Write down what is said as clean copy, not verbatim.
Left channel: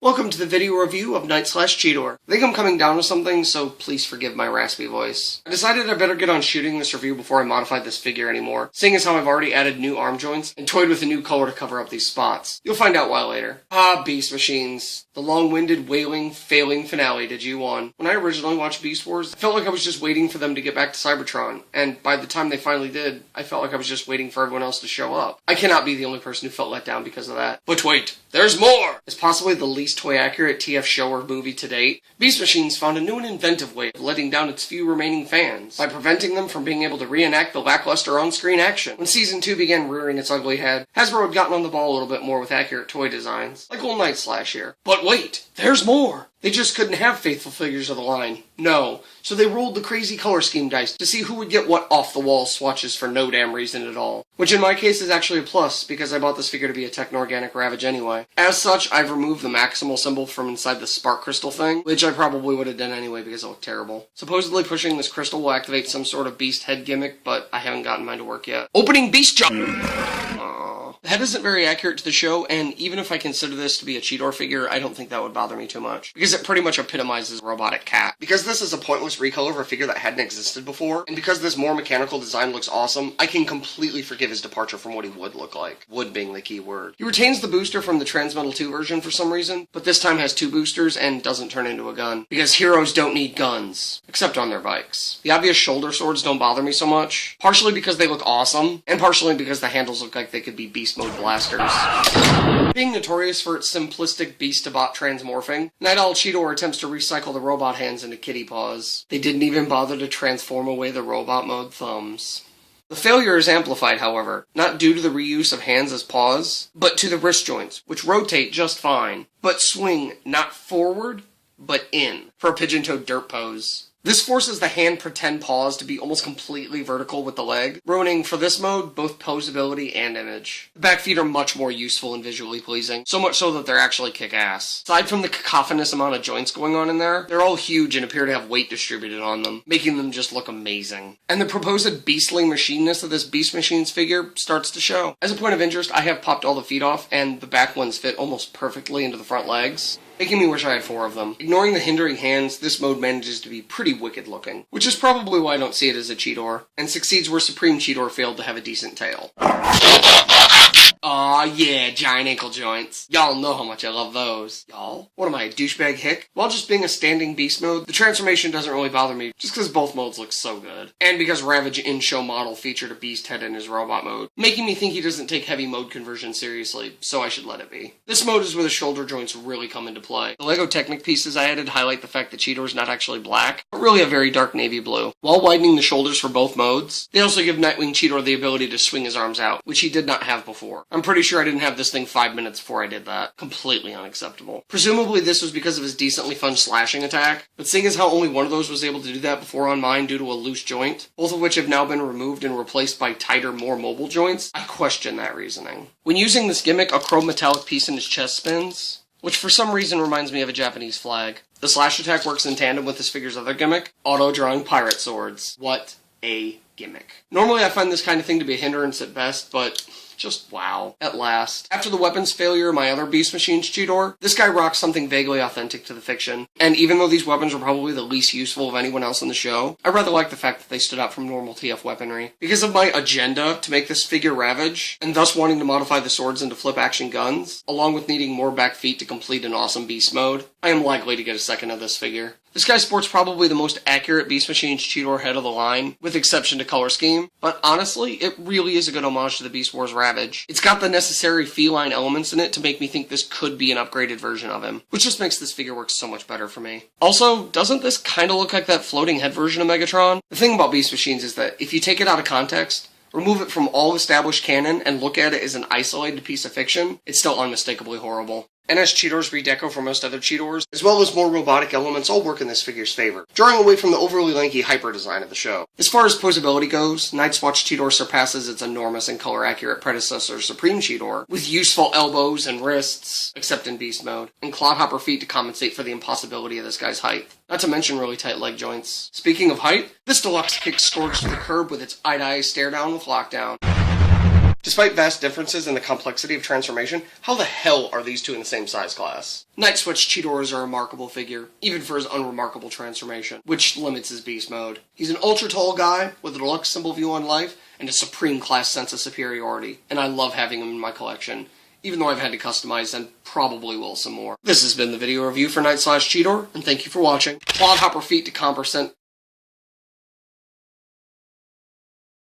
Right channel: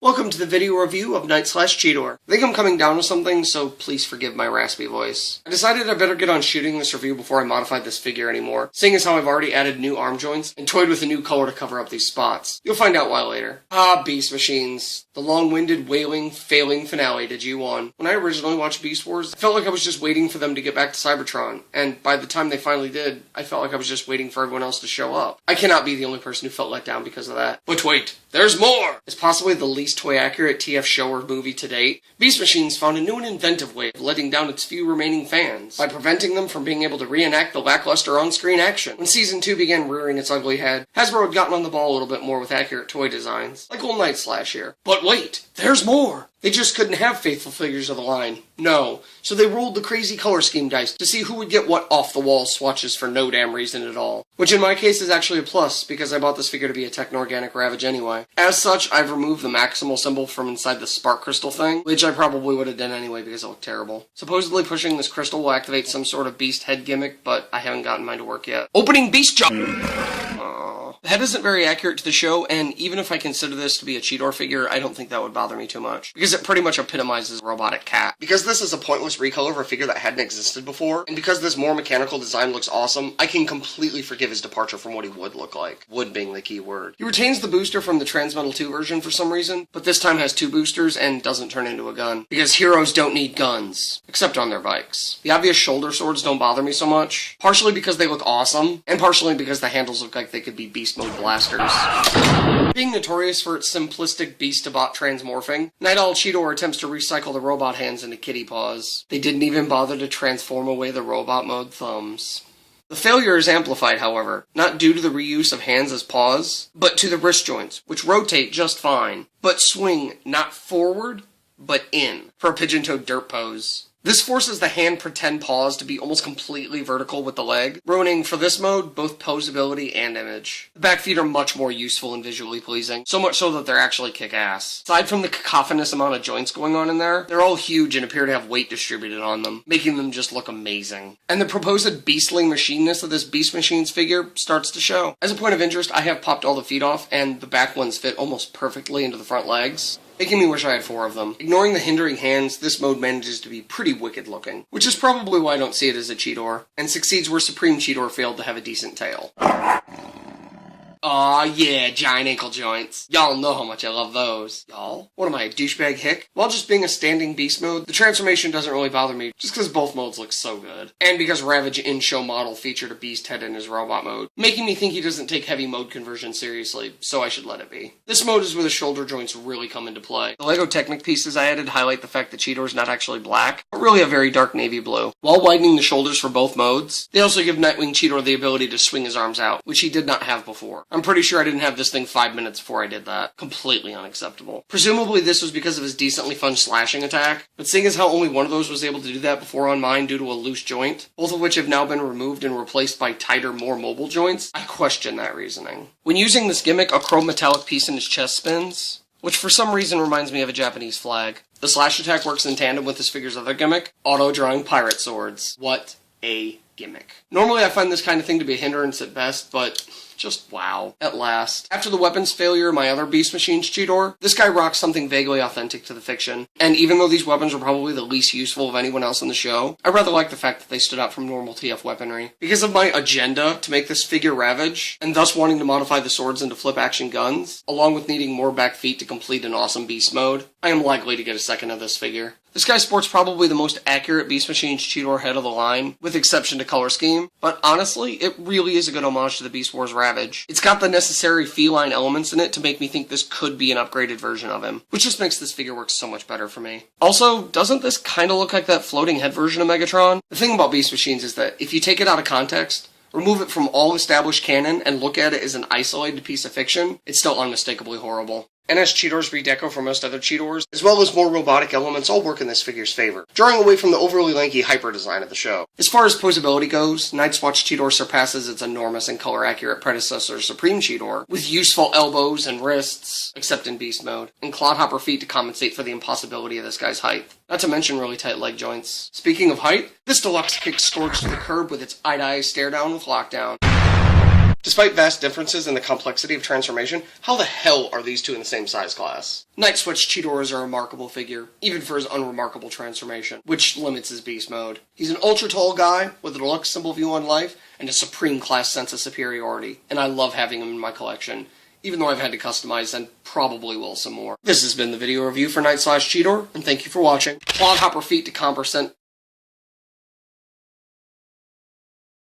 Welcome to the video review of Cheetor. I think I'm coming down with something, so please forgive my raspy voice. I decided I better get on shooting this review before I modified this figure anymore, seeing as how I've already added new arm joints and toyed with a new color to cover up these spots. You'll find out why later. Beast Machines. The long-winded, wailing, failing finale to G1. When I originally watched Beast Wars, I felt like I was just waiting for them to get back to Cybertron, and by the time they finally did, I felt like I was just waiting for everyone else to show up. I cannot be the only person who felt let down because of that. But wait, there's more! It's possibly the least toy-accurate TF show or movie to date. Beast Machines found a new and inventive way of letting down its few remaining fans, by preventing them from being able to reenact the lackluster on-screen action. When Season 2 began rearing its ugly head, Hasbro had gotten on the ball a little bit more with accurate toy designs, like Old Night Slash here. But wait, there's more! They just couldn't have faithful figures of the line. No. So they rolled the crazy color scheme dice to see who would get what off-the-wall swatches for no damn reason at all. Which in my case is actually a plus, because I bought this figure to be a Techno-Organic Ravage anyway. As such, I've removed the Maximal symbol from inside the Spark Crystal thing, which I probably would have done anyway because it looked terrible. Supposedly pushing this crystal will activate some sort of beast head gimmick, but I haven't gotten mine to work yet. Opening Beast Jump! The head isn't very accurate to the show, and even if I consider this to be a Cheetor figure, I don't think that would bother me too much, because it pretty much epitomizes a robotic cat. Because this is a pointless recolor of a figure that hadn't existed before, and because this more mechanical design looks awesome, I can completely forgive his departure from what he would look like. Would being the key word. He retains the booster from the Transmetal 2 version for some reason, but this time has two boosters and doesn't turn into a gun, because heroes don't need guns, except on their bikes. The obvious shoulder swords don't bother me so much, partially because they look awesome, and partially because the handles look like they could be beast mode blasters. Being notorious for its simplistic beast-to-bot transmorphing, Night Owl Cheetor attempts to recycle the robot hands into kitty paws. They didn't even bother to transform away the robot mode thumbs. The failure is amplified, however, not due to the reuse of hands as paws, but to the wrist joints, which rotate just fine, but swing not forward, but in, for a pigeon-toed dirt pose. This forces the hand pretend paws to be almost completely vertical with the leg, ruining, for this mode, both posability and image. The back feet are much more useful and visually pleasing, so much so that they're actually kick-ass. Aside from the cacophonous amount of joints going on in there, they're all huge and appear to have weight distributed on them, making them just look amazing. And the proposed beastly machineness of this Beast Machines figure starts to show. As a point of interest, I have popped all the feet off, and the back ones fit almost perfectly into the front legs, making me wish I had 4 of them. Ignoring the hindering hands, this mode manages to be pretty wicked looking, which is probably why I don't see it as a Cheetor, and succeeds where Supreme Cheetor failed to have a decent tail. Aw, yeah, giant ankle joints. Y'all know how much I love those. Y'all? What am I, a douchebag hick? While just being a standing beast mode, the transformation doesn't really bother me, just because both modes look so good. And because Ravage in-show model featured a beast head in his robot mode, making me think he doesn't take heavy mode conversion seriously, so I should let it be. This mode is where the shoulder joints really come into play. The LEGO Technic pieces I added highlight the fact that Cheetor's not actually black, but really a very dark navy blue. While widening the shoulders for both modes, they also give Nightwing Cheetor the ability to swing his arms out, which he did not have before. I'm pretty sure I didn't have this thing 5 minutes before I did that. Completely unacceptable. Presumably this was because of his decently fun slashing attack, but seeing as how only one of those was able to do that before on mine due to a loose joint, both of which have now been removed and replaced by tighter, more mobile joints, I question that reasoning. When using this gimmick, a chrome metallic piece in his chest spins, which for some reason reminds me of a Japanese flag. The slash attack works in tandem with this figure's other gimmick, auto-drawing pirate swords. What a gimmick. Normally I find this kind of thing to be a hindrance at best, but just wow. At last. After the weapons failure of my other Beast Machines Cheetor, this guy rocks something vaguely authentic to the fiction. And even though these weapons were probably the least useful of anyone else in the show, I rather like the fact that they stood out from normal TF weaponry. Because of my agenda to make this figure Ravage, and thus wanting to modify the swords into flip-action guns, along with needing more back feet to complete an awesome beast mode, I am likely to get a second of this figure. This guy sports probably the most accurate Beast Machines Cheetor head of the line, with exception to color scheme, but honestly, it really is a good homage to the Beast Wars Ravage. It's got the necessary feline elements in it to make me think this could be an upgraded version of him, which just makes this figure work so much better for me. Also, doesn't this kinda look like that floating head version of Megatron? The thing about Beast Machines is that if you take it out of context, remove it from all established canon, and look at it as an isolated piece of fiction, it's still unmistakably horrible. And as Cheetor's redeco for most other Cheetors, as well as more robotic elements, all work in this figure's favor, drawing away from the overly lanky hyper design of the show. As far as posability goes, Night's Watch Cheetor surpasses its enormous and color-accurate predecessor Supreme Cheetor, with useful elbows and wrists, except in beast mode, and clodhopper feet to compensate for the impossibility of this guy's height. Not to mention really tight leg joints. Speaking of height, this deluxe kicks Scourge to the curb with its eye-to-eye stare-down with lockdown. Despite vast differences in the complexity of transformation, how the hell are these two in the same size class? Night Switch Cheetor is a remarkable figure, even for his unremarkable transformation, which limits his beast mode. He's an ultra-tall guy with a deluxe symbol view on life and a supreme class sense of superiority, and I love having him in my collection, even though I've had to customize and probably will some more. This has been the video review for Night/Cheetor, and thank you for watching. Clodhopper feet to comp %,